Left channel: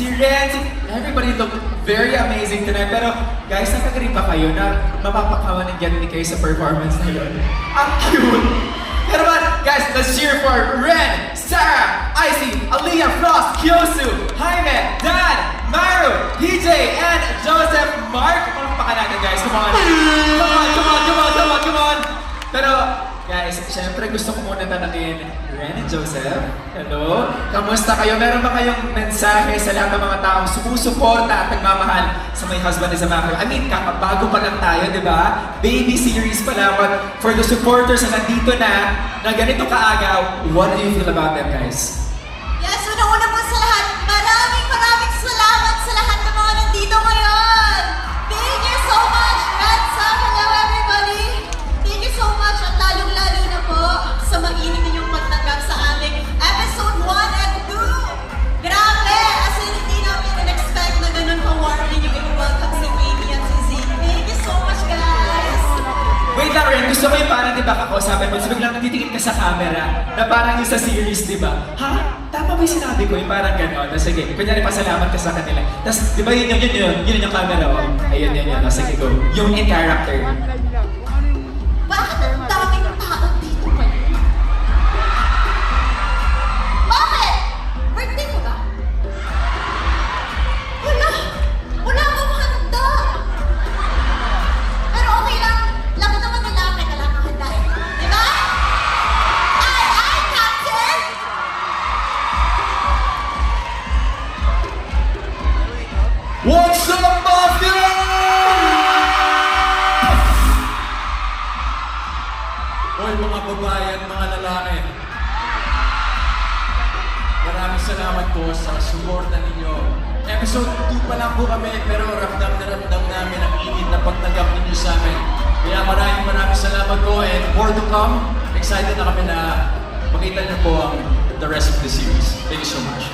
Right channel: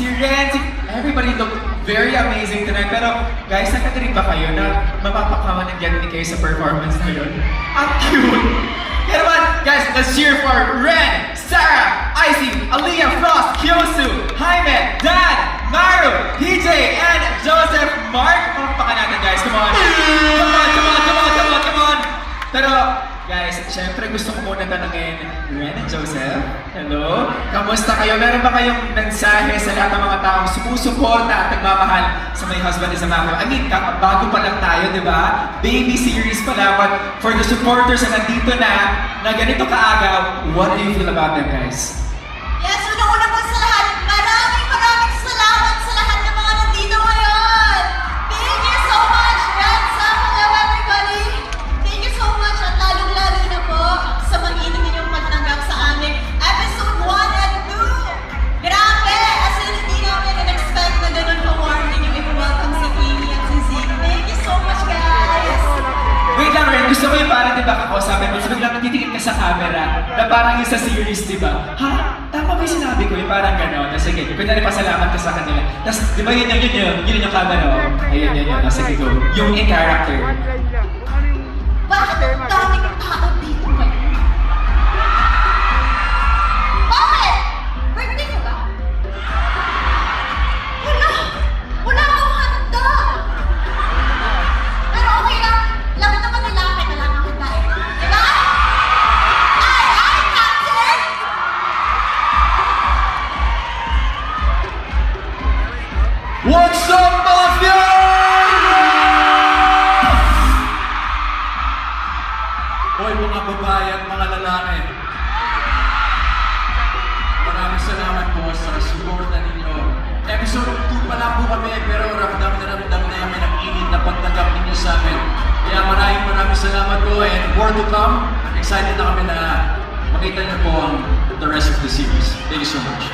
Si Ren, everybody looked very amazing tonight. Pero guys, nakagaling ba kayo na mapapakawan ng ganun kayo sa performance na yun? Ang cute! Kaya naman, guys, let's cheer for Ren, Sarah, Icy, Aliyah, Frost, Kyosu, Jaime, Dan, Maru, PJ, and Joseph. Mark, palakpakan natin guys. Come on. Come on, come on, come on, come on, come on. Pero, guys, syempre gusto ko muna tanungin Ren and Joseph. Hello? Kamusta kayo? Meron ba kayong mensahe sa lahat ng mga taong sumusuporta at nagmamahal sa My Husband is a Mafia? I mean, bago pa lang tayo, di ba? Baby series pa lang, but for the supporters na nandito na ganito kaaga, what do you feel about them, guys? Yes, una-una po sa lahat, maraming salamat sa lahat ng mga nandito ngayon. Thank you so much, Red, Sam, hello everybody. Thank you so much at lalong-lalo na po sa mag-inig ninyong pagtanggap sa aming episode 1 and 2. Grabe, as in hindi namin in-expect na ganun ka-warm din yung i-welcome si Kimi at si Zeke. Thank you so much, guys. Wait lang, Ren. Gusto ko yung parang, di ba, kausapin mo, so biglang natitingin ka sa camera, na parang yung sa series, di ba? Ha? Tama ba yung sinabi ko? Yung parang gano'n. Sige, kunyari pasalamat ka sa kanila. Tapos, di ba yun yung camera, oh? Ayun, yun. Sige, go. Yung in character. Bakit ang daming tao dito ngayon? Bakit? Birthday ko ba? Wala akong handa. Pero okay lang. Laban naman nila akin na lang ang handa eh. Diba? Ay, Captain! What's up, Mafia? Hoy mga babae at mga lalaki, maraming salamat po sa suporta ninyo. Episode 2 pa lang po kami pero ramdam na ramdam namin ang init na pagtanggap ninyo sa amin. Kaya maraming salamat po and more to come. Excited na kami na makita niyo po ang the rest of the series. Thank you so much.